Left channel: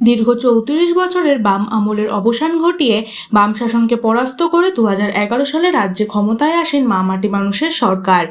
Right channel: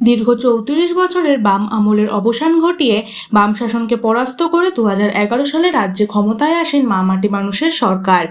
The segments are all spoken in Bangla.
দীর্ঘ চৌত্রিশ বছরের বাম আমলের অবসান ঘটিয়ে বাম শাসনকে পরাস্ত করে দু সালে রাজ্যে ক্ষমতায় আসেন মা মাটি মানুষের সরকার।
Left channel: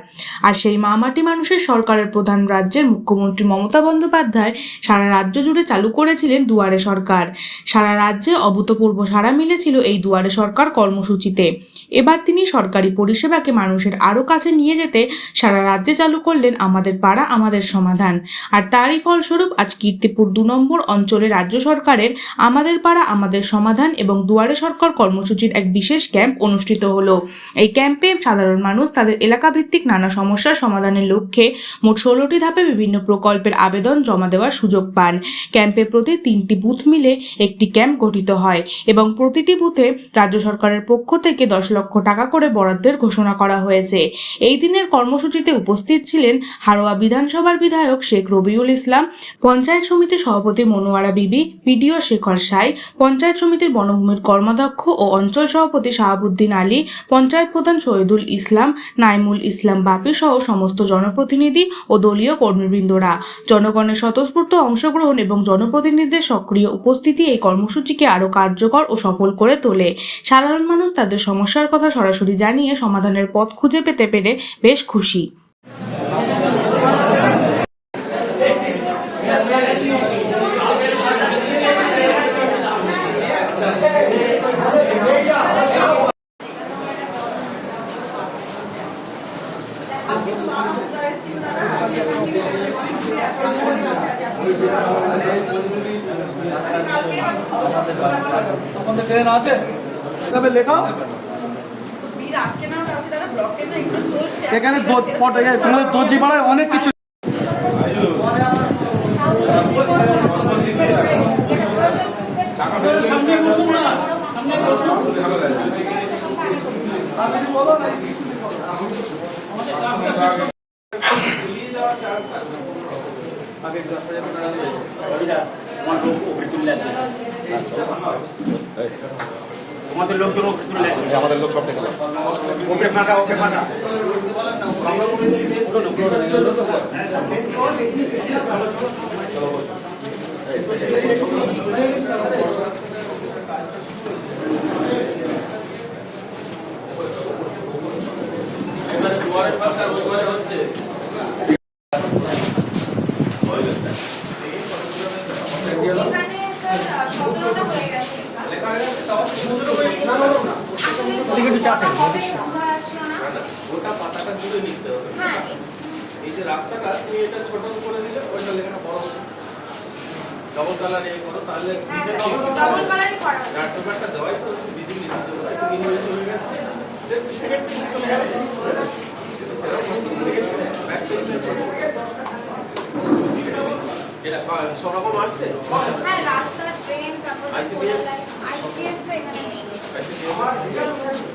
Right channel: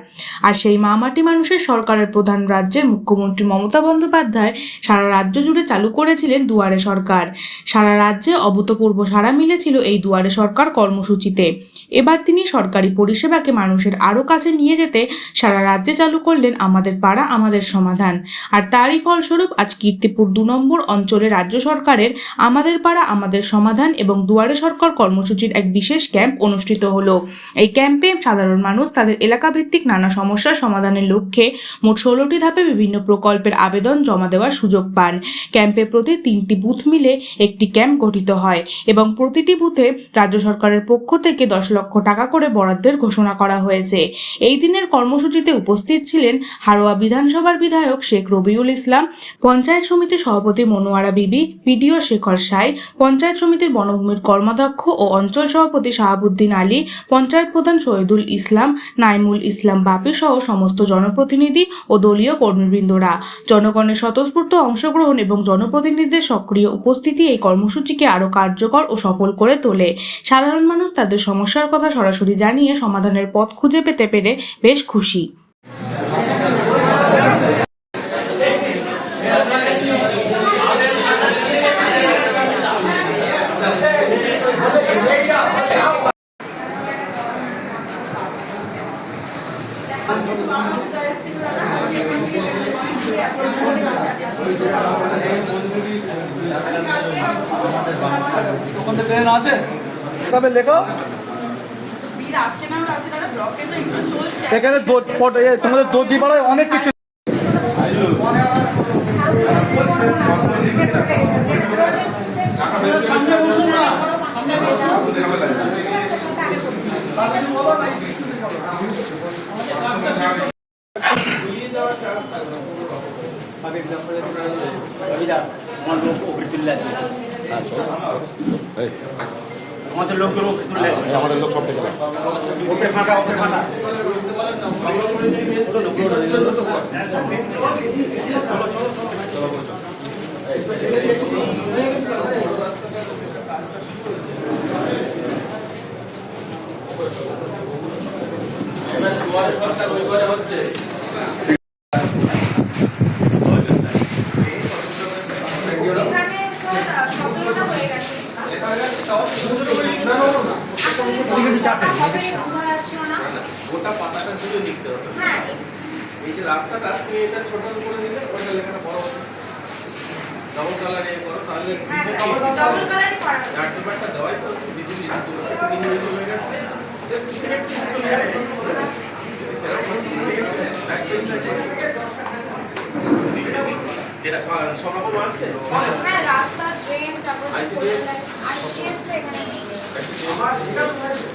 আর সেই মা মাটি মানুষের সরকারের প্রধান রাজ্যের মুখ্যমন্ত্রী মমতা বন্দ্যোপাধ্যায় সারা রাজ্য জুড়ে চালু করেছিলেন দুয়ারে সরকার। সারা রাজ্যে অভূতপূর্ব সাড়া মিলেছিল এই দুয়ারে সরকার কর্মসূচিতে। এবার তিনি সরকারি পরিষেবাকে মানুষের আরও কাছে নিয়ে যেতে সারা রাজ্যে চালু করলেন আমাদের পাড়া, আমাদের সমাধান। আর তারই ফলস্বরূপ আজ কীর্তিপুর দু নম্বর অঞ্চলে রাজ্য সরকারের আমাদের পাড়া, আমাদের সমাধান এবং দুয়ারে সরকার কর্মসূচির এক বিশেষ ক্যাম্প অনুষ্ঠিত হলো। এই ক্যাম্পে সাধারণ মানুষ তাদের এলাকাভিত্তিক নানা সমস্যার সমাধানের লক্ষ্যে মোট ষোলোটি ধাপে বিভিন্ন প্রকল্পের আবেদন জমা দেওয়ার সুযোগ পান। ক্যাম্পে প্রতি তিনটি বুথ মিলে একটি ক্যাম্প গঠিত হয় এবং প্রতিটি বুথে রাজ্য সরকারের পক্ষ থেকে দশ লক্ষ টাকা করে বরাদ্দের ঘোষণা করা হয়েছে। এই দিনের কর্মসূচিতে উপস্থিত ছিলেন হারোয়া বিধানসভার বিধায়ক শেখ রবিউল ইসলাম, পঞ্চায়েত সমিতির সভাপতি মনোয়ারা বিবি বিডিও শেখর সাই, পঞ্চায়েত সমিতির বনভূমির কর্মাধ্যক্ষ ও অঞ্চল সভাপতি শাহাবুদ্দিন আলী, পঞ্চায়েত প্রধান শহীদুল ইসলাম, নাইমুল ইসলাম বাপি সহ সমস্ত জনপ্রতিনিধি ও দলীয় কর্মীবৃন্দরা। জনগণের স্বতঃস্ফূর্ত অংশগ্রহণ এবং জনপ্রতিনিধিদের সক্রিয় উপস্থিতি এই কর্মসূচিকে আরও কার্যকর ও সফল করে তোলে। সাধারণ মানুষ তাদের সমস্যার কথা সরাসরি জানিয়ে সমাধানের পথ খুঁজে পেতে পেরে বেশ খুশি। ওখানে ট্রেন আছে। তবে লেখো। এখানে ফটো- তোমাদের দর্জি পাড়ায় অনেক কিছু সামনে বসুন না সামনে বসুন আর কিছু বলো না আমার লোক ওপরে তুলে আছে আমাদের লোকজন ওপরে তুলে আছে আমাদের লোক সব থেকে ওকে ফাঁকা ওকে ফাঁকা। এখানে স্যার সতেরোটা হয়ে গেছে গোটা পাতাটা জুড়ে লিখতে হবে হ্যাঁ এই যে রাস্তাটা তুমি এটা ছোট করে দিলে ওইটা লেখাটা বড় হবে। ডবল কালার করো তাহলে করা আছে। চার্ট পেপারটা দেওয়াই তো হচ্ছে ভিজিবিলিটি চলে গেছে ভিজিবিলিটি চলে গেছে। চলে গেছে। সেরকম ব্যাক পেজটা যেটা সব রকম আসছে হ্যাঁ রাস্তা ট্রেন তারপর ICDS? আইসিডিএসটা এখানে নেই।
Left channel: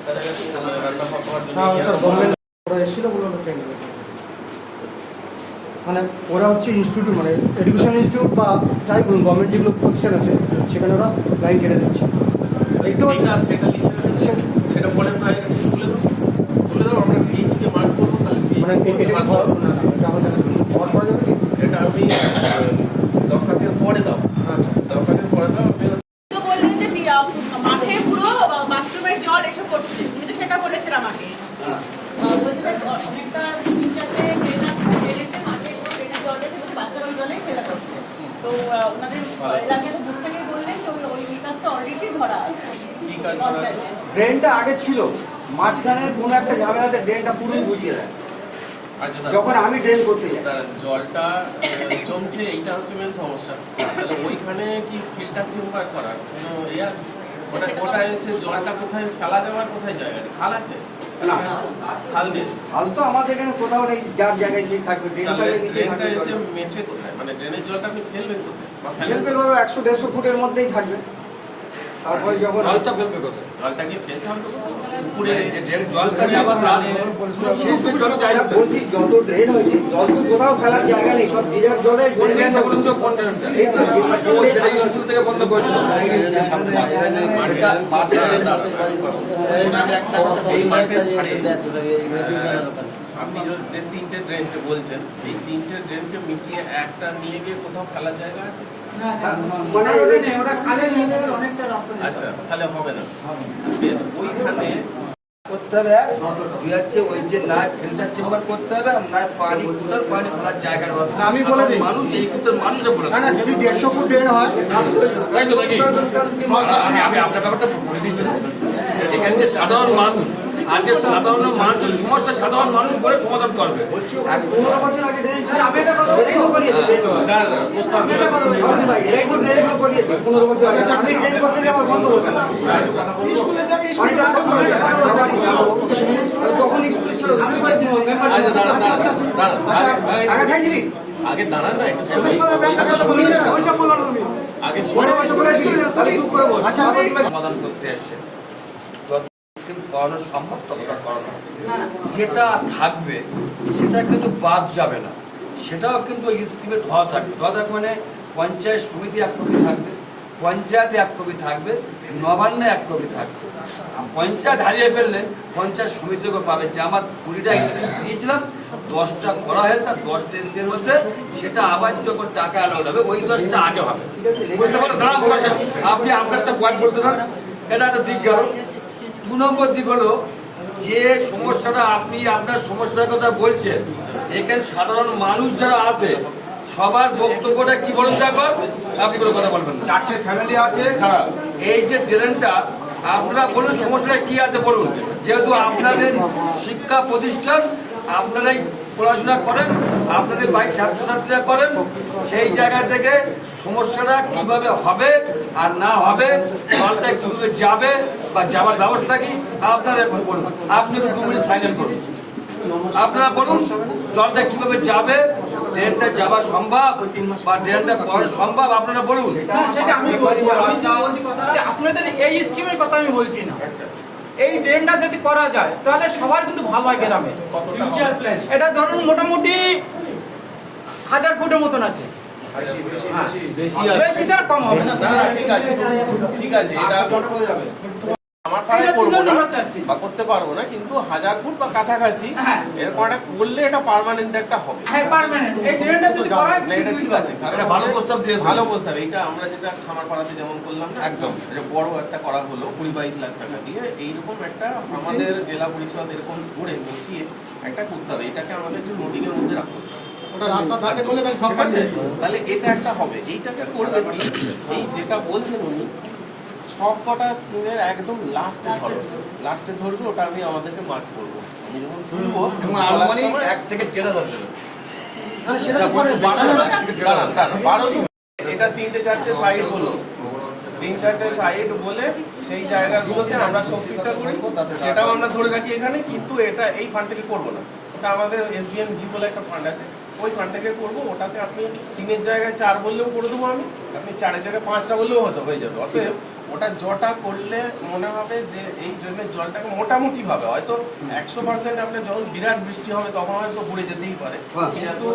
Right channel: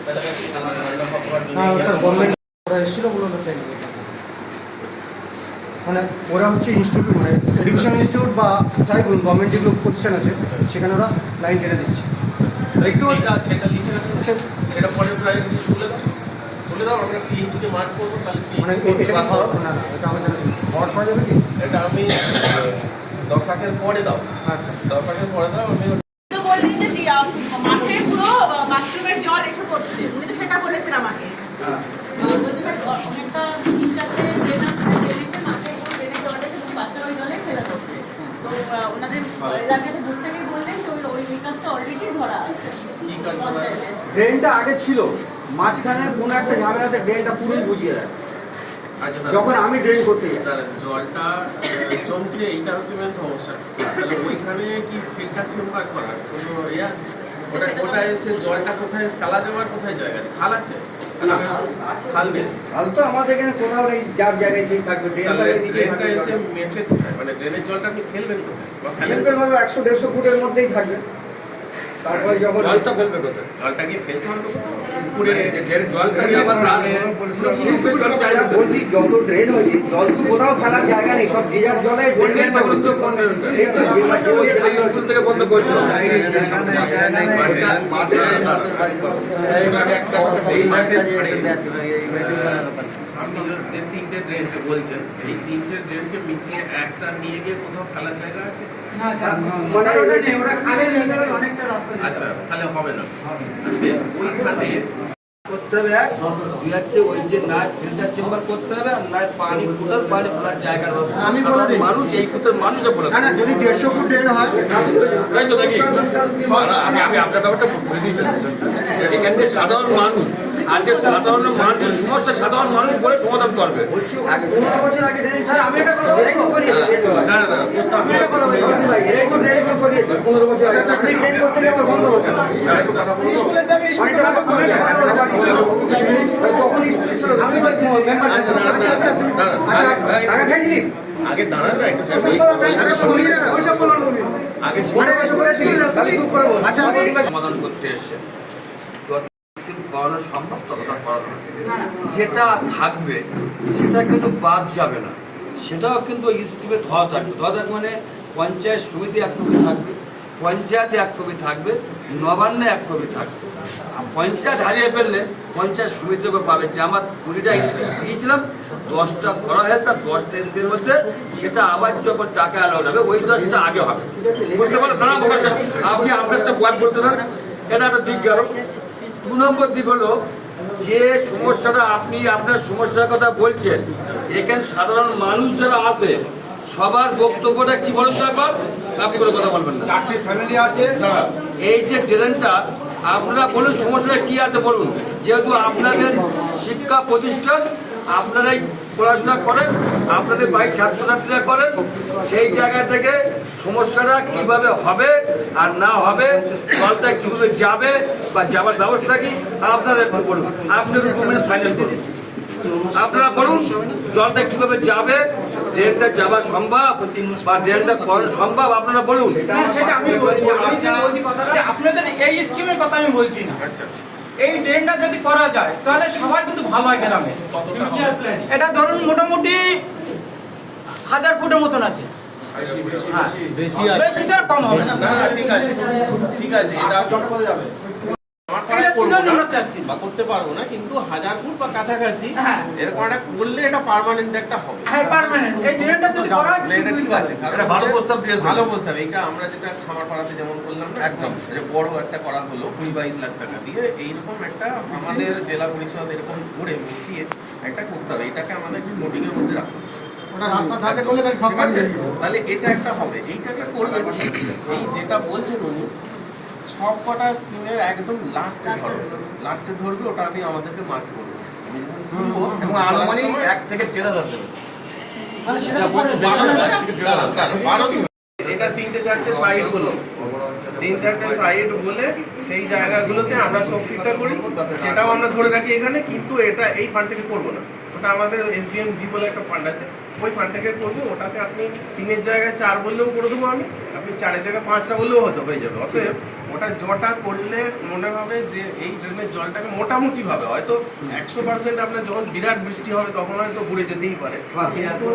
কাছাকাছি রান্না খাবার হ্যাঁ স্যার গভর্নমেন্ট ওরা এসেছিল বলে ওরা ট্রেনিং মানে ওরা হচ্ছে ইনস্টিটিউট মানে এডুকেশন ইনস্টিটিউট বা যাই বলুন গভর্নমেন্ট যেগুলো প্রতিষ্ঠান আছে সেখানে ওরা লাইন কেটে দিচ্ছে। দেখতে সেটা পরে তুলে দাও। তুলে দাও আমরা মার্ক করব তাহলে মানে এটা আমি দশ লাখের পরে দাও। আচ্ছা। দশ লাখের পরে দাও আমি তো বললেন মাঠে পুরো বাথরুমের জল এসে পড়ছে। উনি তো সেটা বলেছেন আমাকে। হ্যাঁ। অনেকটা তিন চারটে ট্রেন আছে ট্রেনেতে মাঠে পুরো ট্রেনের জলটা এসে বলছে বাচ্চারা ওই জলে ফেলা করছে তো আহ, ওনাদের এলাকাতে বুথ থেকে বললেন যে ওই- ওই বিকাশটা অলরেডি ধরা আছে। কি কাজ করা আছে? পঞ্চায়েতে ড্রেনটা আগে ছিল। মাঝখানে কোনো একটা ঝামেলাতে ড্রেনটা পুরোই বুঝিয়ে দেয়। আচ্ছা যখন আমি ড্রেন করতে যাই। জলটা জমছে এইটা হচ্ছে মেন সমস্যা। তাহলে ওইখানে কি ফিল্টার চেম্বার করার কোনো এ আছে? ওটা ওটা এসে জলটা কোথায় ফেলা যাওয়ার কোথায় জায়গা আছে? খাল আছে? না। খাল নেই। হাল তো আমাদের এখানে কোথাও নেই যার জায়গায় সেই থাকবে। নিচে থাকবে এসে মেছে কোথায়? মানে ড্রেনের জলটা আপনি ফেলবেন কোথায়? ফেলবেন ফেলবে একশো দেড়শো ফুটের মধ্যেই থাকবে। তারপরে যখন জলটা ফেলবে কোথায়? জলটা কি ফেলতে হবে কোথাও? উপরে যে যে জলটা যাবার বলছি যত ড্রেন হয়েছে জল কোথাও ফেলার জায়গা নেই সব যে যার জলে স্কুল থেকে বন্ধ করেছিল আপনি যে- যে তিনটে ড্রেনকে বলছেন এই তিনটে ড্রেনকে মিশিয়ে একটা নিয়ে গিয়ে কোথাও ফেলার জায়গা আছে? আচ্ছা তাহলে হবে না। বেশ ওইখানে করতে হবে দুই হচ্ছে ওই যে না ফিল্টার চেম্বার করতে হবে আর না পানি কুটার পানি ফেলার জায়গার ব্যবস্থা। আমি বলে মানুষ এই কুটার মানুষটা বলে না না যদি দেড়শো ফুট ড্রেন হয় তাই তো নাকি? আমি আমি আপনার ব্যাপারটা বলে দিয়েছি। এখানে যে সাধারণ মানুষ যে সাধারণ মানুষের সমস্যা সাধারণ মানুষ বলে সমাধান করবে। আগে করে করে দাঁড়ান, না একটু। আগে করে নিবাস সমাধান করতে এসছে। কিন্তু করানো সম্ভব ততটা করানো যেটা থাকবে, সেটা কিন্তু বাদ যাবে না। সেটাও কিন্তু স্কিমে ধরা থাকবে। ধরা থাকবে মানে পঞ্চায়েত সমিতি এক কপি থাকবে, পঞ্চায়েতে এক কপি থাকবে, নবান্নে এক কপি থাকবে। পঞ্চায়েত হারিয়ে ফেললে পঞ্চায়েত সমিতি করে পাবে যে আমার কুড়িটা স্কিম দিয়েছিলাম, দশটা করা হয়েছে তার দশটা স্কিমের মধ্যে সেটা আবার যখন টাকা অ্যালাউড হবে, ওই দশটা আগে হবে। বুঝতে পারো দাঁড়া আপনি আপনার সাথে বলতে দেন এটা একটা দিক গেল। দু নম্বর দিক হলো যে সমস্যাটা আপনি আপনার সমস্যার কথা বলছেন এখানে সাধারণ মানুষ যারা আছে সবার বক্তব্যটা কি বলেন তো একবার? আপনি কোনো কথা বলবেন না। চারটে ফ্যামিলি আছে। এই যে ট্রেনটা আপনারা বলুন সমস্যাটা কি আছে বলুন। যেহেতু আপনাদের শিক্ষা প্রতিষ্ঠান আপনারাই পড়াশোনা করেন, আপনাদের বাড়ির ছাত্রছাত্রীরা করেন, সেই জায়গা থেকে সমস্যাটা কীভাবে হবে আর না হবে জলটা কীভাবে যাবে বা যাওয়ার ব্যবস্থা কি, আপনারা একটু বলুন। আপনি দু মিনিট সাইলেন্ট করুন। আপনারা বলুন, জলটা কীভাবে যাবে, ট্রেনটা যাওয়া সম্ভব বা ট্রেনটা করানো সম্ভব, আপনারা বলুন। আপনাদের এই স্কিমের কথা আমি বলছি না। এই ড্রেনটা যদি করা যায় তাহলে সবার কিন্তু ভালো হয় গ্রামে। এটা ধরুন মোটামুটি হাজার ফুটের মতন আছে। হ্যাঁ। বেশি। স্যার কম হবে না। ঠিক আছে আমার পাড়ায় করব না বা করতে পারব না কিন্তু হাজার ফুট বা কাছাকাছি হ্যাঁ। এরকম একটা করলে এটা পার্মানেন্ট একটা হবে? হ্যাঁ পারমানেন্ট এই ড্রেনটা যদি করা না, এটা ঠিক আছে ভালো প্রস্তাব ভালো প্রস্তাব। এটা আমরা যেটা খামার পাড়াতে যেমন করলাম না একদম। বড় একটা করা হলো কুড়ি বাইশ লাখ টাকা দিয়ে এইরকম একটা আমাদের জেলা পরিষদ এরকম করে মিশিয়ে একটা করতে হবে। এটাকে আমাদের নোটিং এর মধ্যে রাখতে হবে। ওটা রাস্তা ধারে করলে সব ঠিক তাহলে এটা একটা হবে। এইটাকে করলে কি? এই যেটা বলছেন উনি সব কটা স্কিমের একদম লাস্টে ধরো। লাস্টে ধরবে ওটা আমি আমাদেরকে মার্ক করব। আমি যখন তুলবো এক থেকে দেড় হাজার এটা তিনটে চারটে সাইড বলো তিন চারটে সাইড বলে সেই জায়গাগুলোতে আমরা সব করি। সেটাও আমরা ধরে রাখি এখানে কিন্তু এটা এই ফান্ড থেকে করব না। ওটা আমাদের এসবিএম জি বলে একটা ফান্ড আছে। ওই থেকে করব ওটাতে আপনি তিনের জায়গায় চার বললেও করে দেবো আমি আপনি চারের জায়গায় পাঁচটা বললেও হতে হয়ে যাবে। অতএব ওটা জটা করলে মনে হবে যে এই ড্রেনের জলটাকে মোটামুটি ভাবে হয়তো একশো পার্সেন্ট আপনার যখন বিরাট বৃষ্টি হবে তখন হয়তো ঘুরে যেতেই পারে। কিন্তু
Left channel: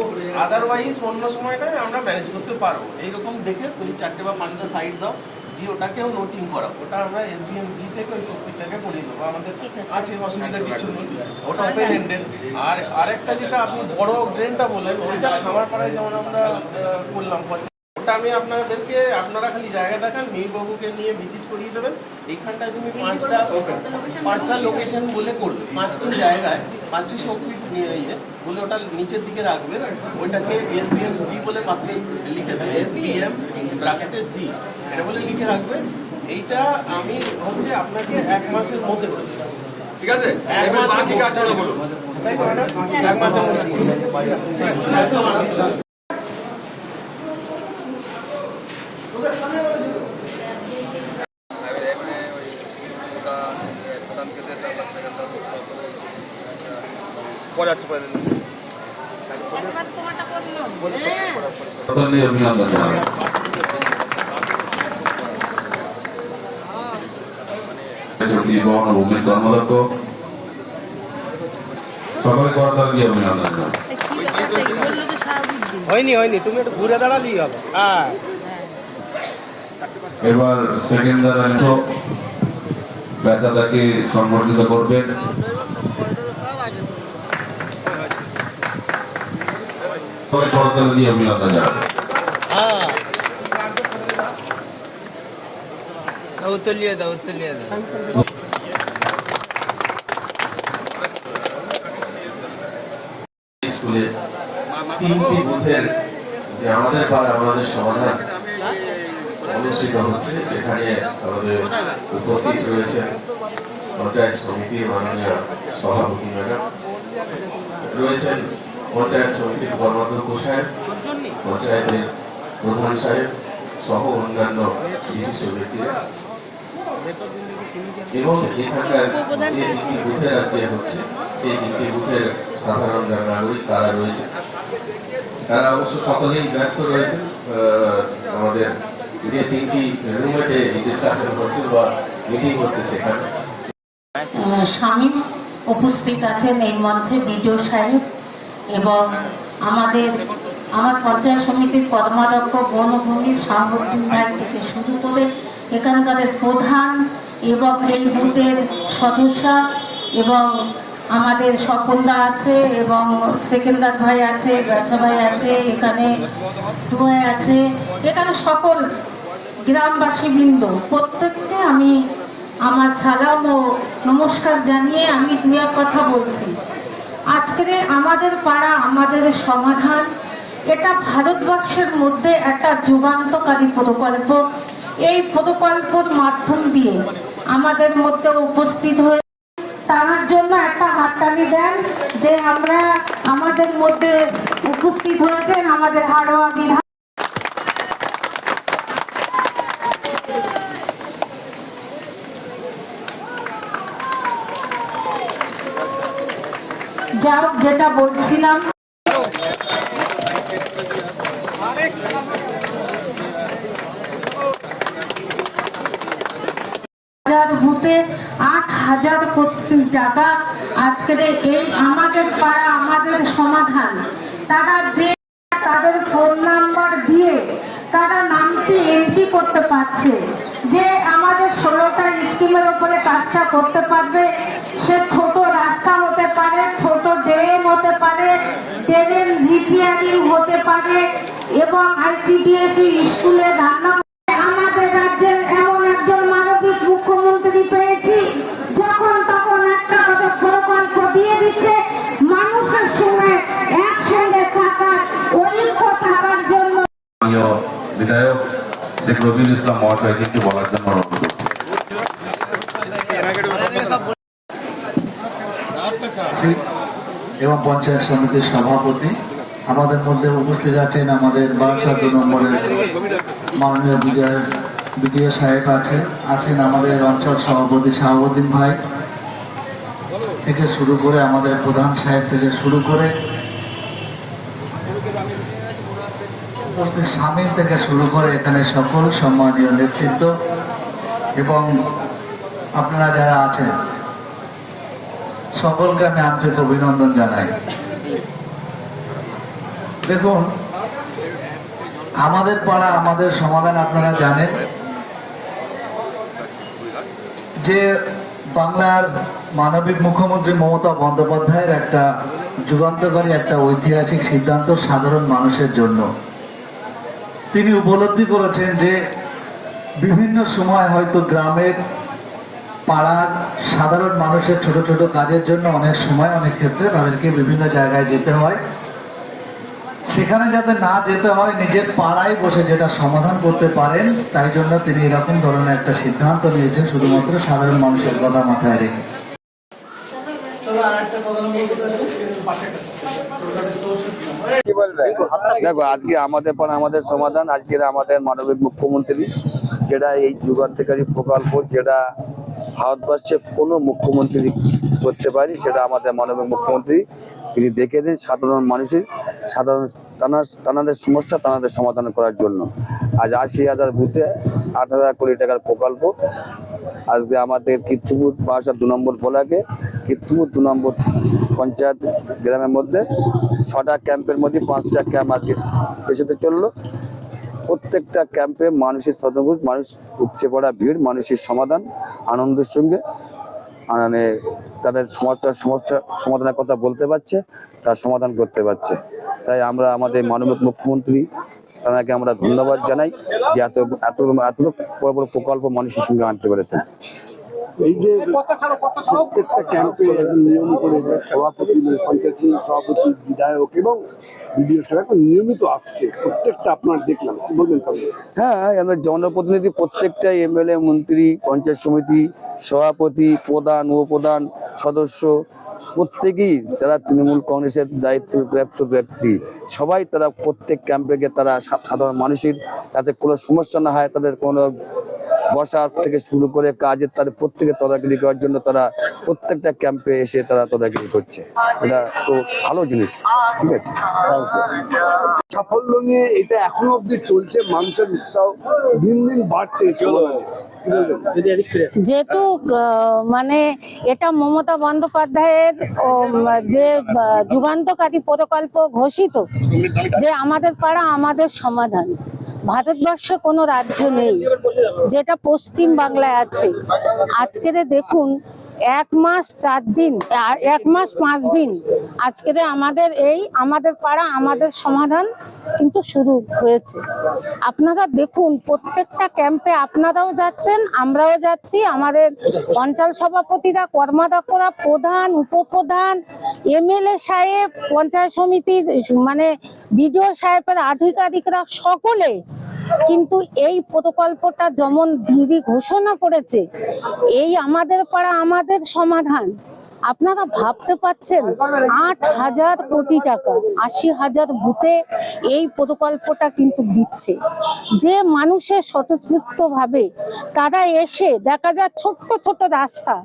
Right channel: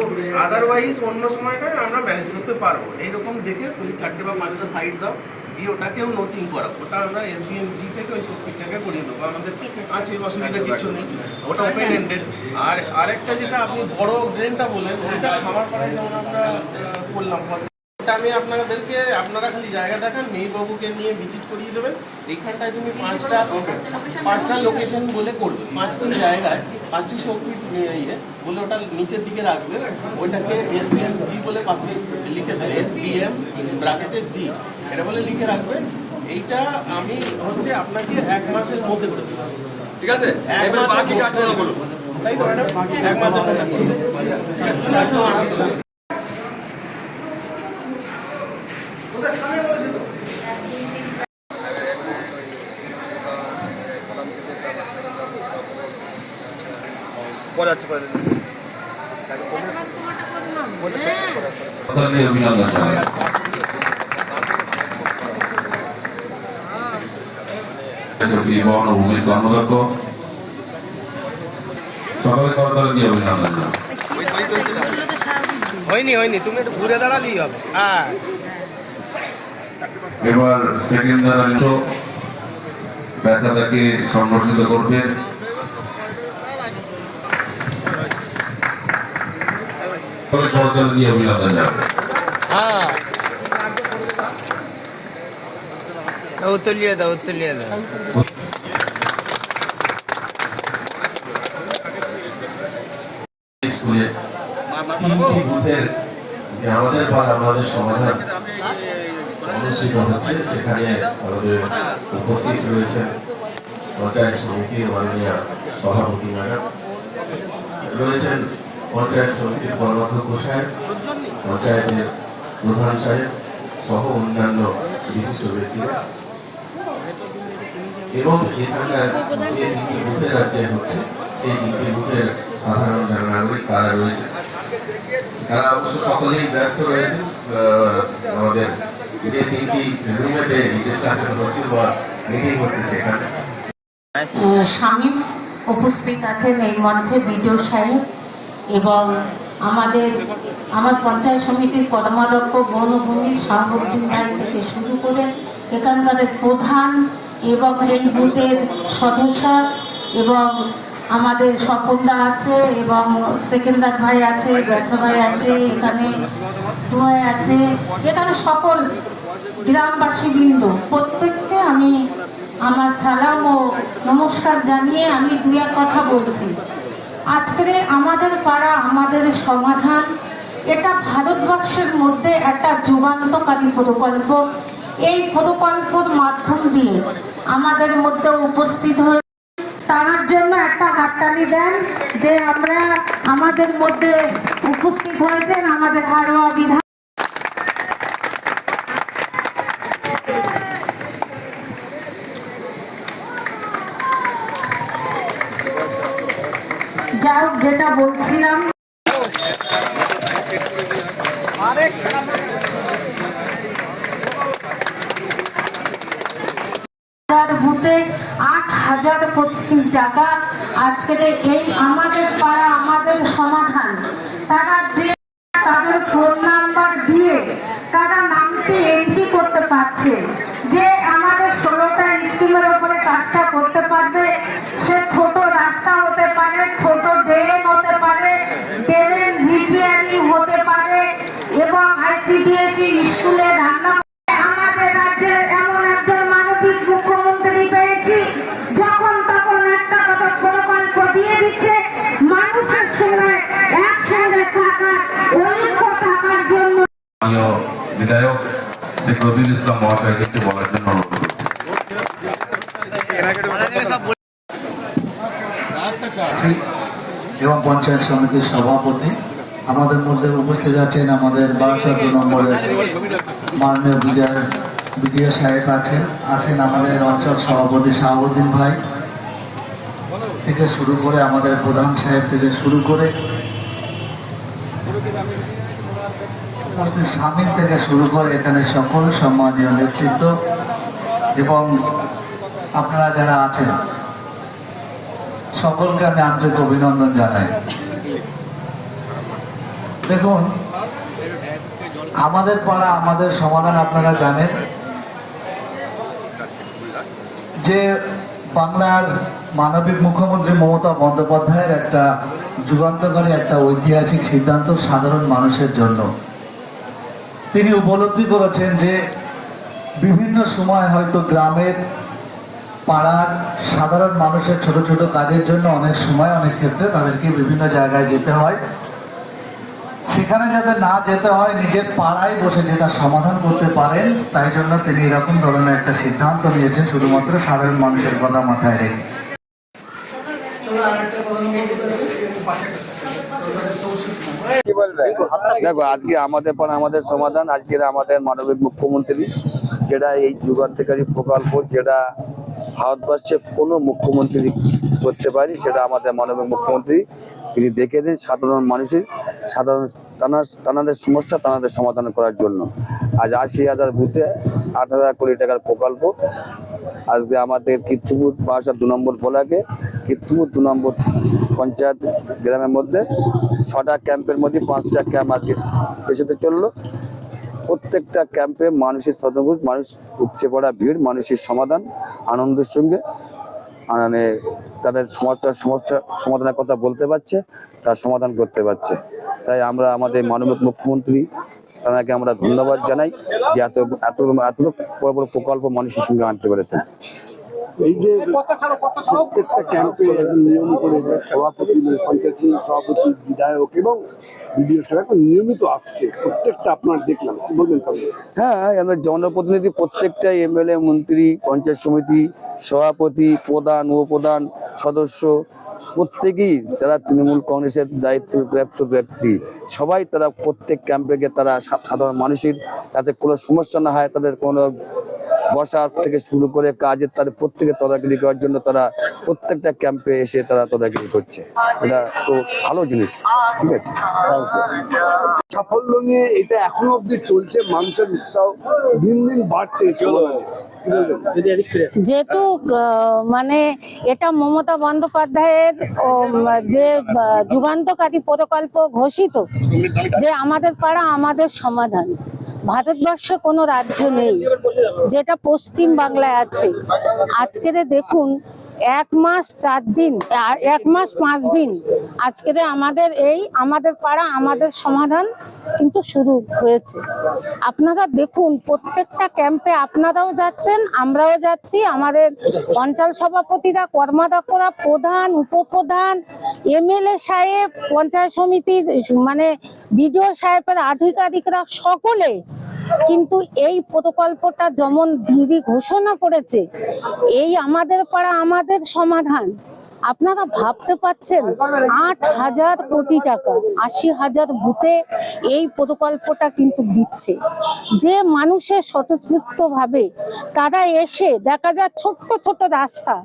আদারওয়াইজ অন্য সময়টায় আমরা ম্যানেজ করতে পারব। এইরকম দেখে তুমি চারটে বা পাঁচটা সাইড দাও দিয়ে ওটাকেও নোটিং করা ওটা আমরা এসবিএম জি থেকে ওই সবকিটাকে করিয়ে দেবো। আমাদের আছে। অসুবিধার কিছু নেই। ওটা ওপেন এন্ডেড আর আরেকটা যেটা আপনি বড় ড্রেনটা বললেন ওইটা খাবার পাড়ায় যেমন আমরা আহ, করলাম ওটা আমি আপনাদেরকে আপনারা খালি জায়গা দেখান মেয়েবাবুকে নিয়ে ভিজিট করিয়ে দেবেন। এইখানটায় তুমি পাঁচটা পাঁচটা লোকেশন বলে করবে। পাঁচটি জায়গায় পাঁচটি শক্তি ইয়ে বলে ওটা নিচের দিকে রাখবে। ওইটাকে এস বি এম জি বলে পাশে লিখে দেবে। এস বি এম ব্রাকেটের জি এটা বলে লিখে রাখবে। এইটা আমি হচ্ছে আপনাকে এক মাসের মধ্যে করে দিচ্ছি। ঠিক আছে? এক মাসের বলুন। ম্যাডাম? এক মাসের মধ্যে করে দেবো। একদম আরামসে। পরে যাচ্ছে পরে অভিনন্দন জানাই। এসএসবি কর্মদক্ষ সকলে করতালে দিয়ে অভিনন্দন হয়নি হয়নি তুমি একটু ঘুরে হবে। হ্যাঁ। এবার সেকেন্ড দাদা পেঁচাদাকে সংগঠিত করবেন অভিনন্দন জানাবে উত্তলিয়ে দাও উত্তলিয়ে দাও। স্কুলে তিনটি বুথের যে আমাদের পাড়া আমাদের সমাধান অনুষ্ঠিত হচ্ছে সেখানে আমাদের উপস্থিত রয়েছেন পঞ্চায়েত সমিতির মাননীয় সভাপতি ম্যাডাম। রয়েছেন পঞ্চায়েত সমিতির কর্মাধ্যক্ষ সাহেব, পঞ্চায়েতের প্রধান সাহেব সহ অন্যান্য বিশিষ্ট ব্যক্তিরা। এবং এখানকার যে তিনটি বুথের আজকে হচ্ছে, সেই তিনটি বুথের সাধারণ যারা নাগরিক তারা রয়েছে। তারা অবশ্য সকলেই ব্যস্ত রয়েছে। আমাদের যে তিনটি রুমেতে ডিসকাশন হচ্ছে বা মিটিং হচ্ছে সেখানে। স্বামী উপস্থিত আছেন এই মঞ্চে বিডিও সাহেব। এবং আমাদের, আমার পঞ্চায়েত সমিতির কর্মাধ্যক্ষ বনভূমি শাহাবুদ্দিন ব্যাংক থেকে শুরু করে এখানকার প্রধান এবং এই বুথের সদস্য এবং আমাদের স্বপনদা আছে এবং সেকেন্দার ভাই আছে, ব্যবসা ভাই আছে, এখানে দুয়াই আছে, এখানে সকল গ্রামবাসী বৃন্দ প্রত্যেককে আমি আমার সালাম ও নমস্কার জানিয়ে আমি দু এক কথা বলছি। আজকের আমাদের পাড়া, আমাদের সমাধান, এটা ভারতবর্ষের মধ্যে একটা যুগান্তকারী প্রকল্প। এই প্রকল্পর মাধ্যম দিয়ে আমাদের মধ্যে উপস্থিত হয়ে তার জন্য একটা হাততালি দেন যে আমরা আমাদের মধ্যে উপস্থিত হয়েছেন আমাদের হাড়োয়া বিধান যেটা বলছিলাম হাজার বুথে আট হাজার কোটি টাকা আজকের এই আমাদের পাড়া আমাদের সমাধান তারা যে তাদের ফোন নাম্বার দিয়ে তারা নামটি এন্ট্রি করতে পারছে যে আমাদের ষোলোটা স্কিমের উপরে কাজটা করতে পারবে সে ছোট রাস্তা হতে পারে ছোট ড্রেন হতে পারে ড্রেনের রিপেয়ারিং হতে পারে এবং আইসিডিএসি স্কুলে রান্না আমাদের রাজ্যের এমন একজন মানবিক মুখ্যমন্ত্রী পেয়েছি যখন তখন একটা করে প্রকল্প দিয়ে দিচ্ছে মানুষের সঙ্গে একসঙ্গে থাকার ঐক্য থাকার জন্য মাননীয় বিধায়ক শেখ ইসলাম মহাশয়কে একটু বলার জন্য অনুরোধ করছি। এবং পঞ্চায়েত সমিতির সভাপতি আমাদের মধ্যে উপস্থিত আছেন আমাদের বারাসা দু নম্বরের মাননীয় বিজয় বিডিও সাহেব আছেন আছেন আমাদের অঞ্চল সভাপতি শাহাবুদ্দিন ভাই থেকে শুরু করে আমাদের প্রধান সাহেব থেকে শুরু করে উপস্থিত স্বামীর থেকে শুরু করে এখানে সকল সম্মানীয় নেতৃত্ব এবং আপনারা যারা আছেন, সকলকে আমি আন্তরিক অভিনন্দন জানাই। দেখুন, আমাদের পাড়া, আমাদের সমাধান আপনারা জানেন যে বাংলার মানবিক মুখ্যমন্ত্রী মমতা বন্দ্যোপাধ্যায়ের একটা যুগান্তকারী একটা ঐতিহাসিক সিদ্ধান্ত সাধারণ মানুষের জন্য। তিনি উপলব্ধি করেছেন যে বিভিন্ন সময় হয়তো গ্রামের পাড়ার সাধারণ মানুষের ছোট ছোট কাজের জন্য অনেক সময়, অনেক ক্ষেত্রে তাদেরকে বিভিন্ন জায়গায় যেতে হয়। সেখানে যাতে না যেতে হয়, নিজের পাড়ায় বসে যেটা সমাধান করতে পারেন, তাই জন্য তিনি এরকম ধরনের একটা সিদ্ধান্ত নিয়েছেন, শুধুমাত্র সাধারণ মানুষের কথা মাথায় রেখে। দেখো, আজকে আমাদের পর আমাদের সমাধান আজকের আমাদের মানবিক মুখ্যমন্ত্রী, যেটা এই যুগান্তকারী প্রকল্প, যেটা ভারতবর্ষে কোনো মুখ্যমন্ত্রী করতে পারি সেটা আমাদের মানবিক মুখ্যমন্ত্রী, তিনি দেখে দিন সাধারণ মানুষের, সাধারণ তানার, তানাদের সমস্যা, তানাদের সমাধান করার জন্য। আজ আশি হাজার বুথে আট হাজার কোটি টাকার প্রকল্প। আজকে আমাদের কীর্তিপুর বাসা দু নম্বর বলাকে, কীর্তিপুর দু নম্বর পঞ্চায়েত গ্রামের মধ্যে ছটা ক্যাম্পের মধ্যে পাঁচটা ক্যাম্প আজকে শেষ হতে চলল। প্রত্যেকটা ক্যাম্পে মানুষের শতভুজ মানুষ উপচে পড়া ভিড়, মানুষের সমাধান, আনন্দের সঙ্গে মানে তাদের সমস্যার সমস্যা সমাধানের কথা বলতে পারছে, তার সমাধান করতে পারছে। তাই আমরা আমাদের মাননীয় মুখ্যমন্ত্রী তাদেরকে আমরা ধন্যবাদ জানাই যে এত এত এত বড় বড় প্রকল্প মানুষের সঙ্গে আনতে পেরেছেন। এই যে প্রত্যেকটা ক্যাম্পে নিয়ম করে সভাপতি মানে পঞ্চায়েত সভাপতি বিধায়ক এবং বিডিও সাহেব এখন নিয়মিত আসছে। প্রত্যেকটা আপনার দেখলাম বলবেন হ্যাঁ আমাদের জনপ্রতিনিধি প্রত্যেকটা এমএলএ মন্ত্রী পঞ্চায়েত সমিতি সভাপতি প্রধান উপপ্রধান সদস্য প্রত্যেকেই যারা তৃণমূল কংগ্রেসের দায়িত্বপ্রাপ্ত ব্যক্তি, সবাই তারা প্রত্যেক ক্যাম্পে গিয়ে তারা সাধারণ মানুষের যাতে কোনো সমস্যা না হয়, তাদের কোনো বসা থেকে শুরু করে কাজের তাদের প্রত্যেকে তদারকি করার জন্য তারা প্রত্যেকটা ক্যাম্পে এসে তারা তদারকি করছে। এটা তো ভালো জিনিস, ঠিক আছে? সাফল্য নিয়ে এটা এখনও অব্দি চলছে, মানুষের উৎসাহ দিন দিন বাড়ছে যেহেতু মানে এটা মমতা বন্দ্যোপাধ্যায়ের যে যুগান্তকারী প্রকল্প ঘোষিত, যে আমাদের পাড়া আমাদের সমাধান। ভারতবর্ষে কোনো রাজ্য নেই যেটা পশ্চিম বাংলায় আছে। আজকের দেখুন এক মাস চার দিন এক মাস পাঁচ দিন। আজকের আমাদের এই, আমাদের পাড়া, আমাদের সমাধান কিন্তু শুরু হয়েছে। আপনারা দেখুন, প্রত্যেকটা ক্যাম্পে আপনারাও যাচ্ছেন, আমরাও যাচ্ছি। আমাদের অঞ্চল সভাপতিরা, কর্মাধ্যক্ষরা, প্রধান, উপপ্রধান, এমএলএ সাহেব, পঞ্চায়েত সমিতির মানে বিডিও সাহেবের আধিকারিকরা সকলে কিন্তু এই প্রকল্পটা যেমন দিদি ঘোষণা করেছে এই আমাদের পাড়া আমাদের সমাধান। আপনারা ভাবতে পাচ্ছেন আট হাজার কোটি টাকা আশি হাজার বুথে এই প্রকল্পটা কিন্তু দিচ্ছে। যে মানুষের স্বতঃস্ফূর্ত ভাবে তারা এসে দেখা যায় ছোট্ট ছোট রাস্তা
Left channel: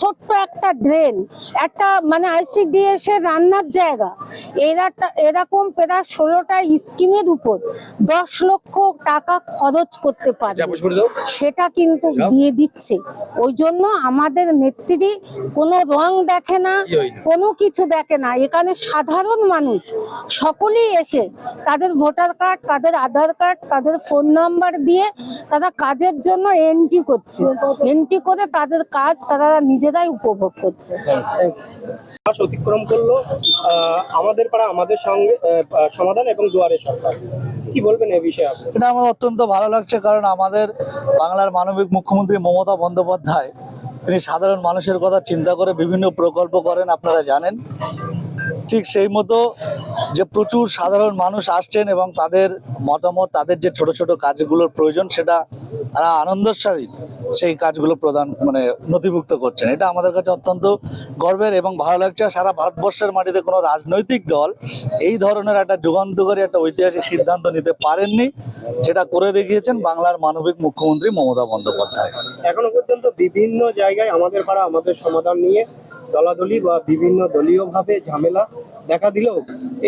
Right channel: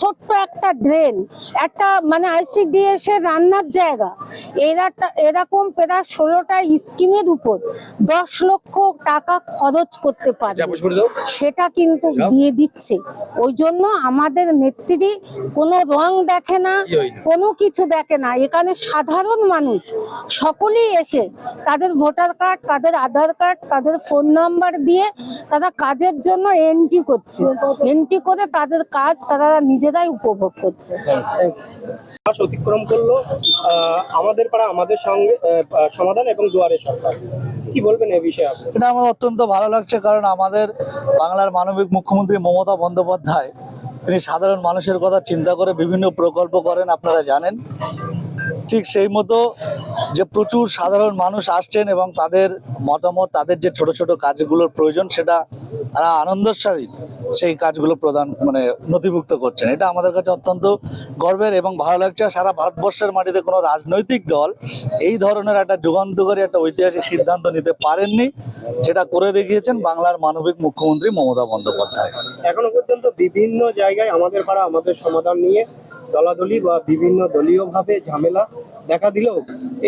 ছোট্ট একটা ড্রেন একটা মানে আইসিডিএস এর রান্নার জায়গা। এরা এরকম প্রায় ষোলোটা স্কিমের উপর দশ লক্ষ টাকা খরচ করতে পারে। সেটা কিন্তু দিয়ে দিচ্ছে। ওই জন্য আমাদের নেত্রী কোনো রং দেখে না কোনো কিছু দেখে না। এখানে সাধারণ মানুষ সকলেই এসে তাদের ভোটার কার্ড তাদের আধার কার্ড তাদের ফোন নাম্বার দিয়ে তারা কাজের জন্য এন্ট্রি করছে। এন্ট্রি করে তাদের কাজ তারা নিজেরাই উপভোগ করছে। অতিক্রম করল আমাদের পাড়া আমাদের সঙ্গে সমাধান এবং দুয়ারে সরকার। কি বলবেন এই বিষয়ে আপনি? এটা আমার অত্যন্ত ভালো লাগছে কারণ আমাদের বাংলার মানবিক মুখ্যমন্ত্রী মমতা বন্দ্যোপাধ্যায় তিনি সাধারণ মানুষের কথা চিন্তা করে বিভিন্ন প্রকল্প করেন আপনারা জানেন। ঠিক সেই মতো যে প্রচুর সাধারণ মানুষ আসছেন এবং তাদের মতামত, তাদের যে ছোট ছোট কাজগুলোর প্রয়োজন, সেটা তারা আনন্দের সহিত সেই কাজগুলো প্রদান মানে নথিভুক্ত করছেন। এটা আমাদের কাছে অত্যন্ত গর্বের এবং ভালো লাগছে। সারা ভারতবর্ষের মাটিতে কোনো রাজনৈতিক দল এই ধরনের একটা যুগান্তকারী, একটা ঐতিহাসিক সিদ্ধান্ত নিতে পারেননি যেটা করে দেখিয়েছেন বাংলার মানবিক মুখ্যমন্ত্রী মমতা বন্দ্যোপাধ্যায়। এখনও পর্যন্ত বিভিন্ন জায়গায় আমাদের পাড়া আমাদের সমাধান নিয়ে দলাদলি বা বিভিন্ন দলীয়ভাবে ঝামেলা দেখা দিলেও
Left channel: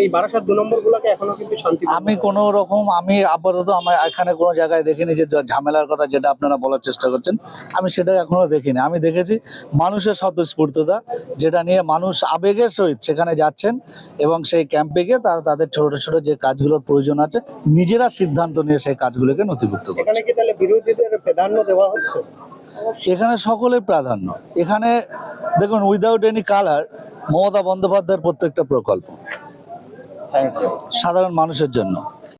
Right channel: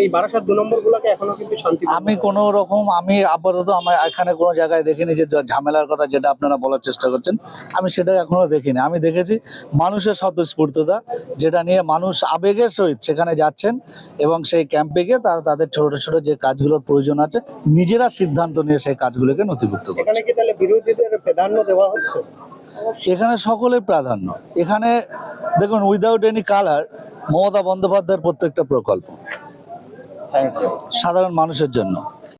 এই বারাসাত দু নম্বর গুলোকে এখনও কিন্তু শান্তি আমি কোনো রকম আমি আপাতত আমার এখানে কোনো জায়গায় দেখিনি যে ঝামেলার কথা যেটা আপনারা বলার চেষ্টা করছেন। আমি সেটা এখনও দেখিনি। আমি দেখেছি মানুষের স্বতঃস্ফূর্ততা যেটা নিয়ে মানুষ আবেগের সহিত সেখানে যাচ্ছেন এবং সেই ক্যাম্পে গিয়ে তারা তাদের ছোট ছোট যে কাজগুলোর প্রয়োজন আছে নিজেরা সিদ্ধান্ত নিয়ে সেই কাজগুলোকে নথিভুক্ত করে এখানে কি তাহলে বিরোধীদের প্রাধান্য দেওয়া হচ্ছে? এখানে সকলের প্রাধান্য। এখানে দেখুন উইদাউট এনি কালার মমতা বন্দ্যোপাধ্যায়ের প্রত্যেকটা প্রকল্প। সাধারণ মানুষের জন্য।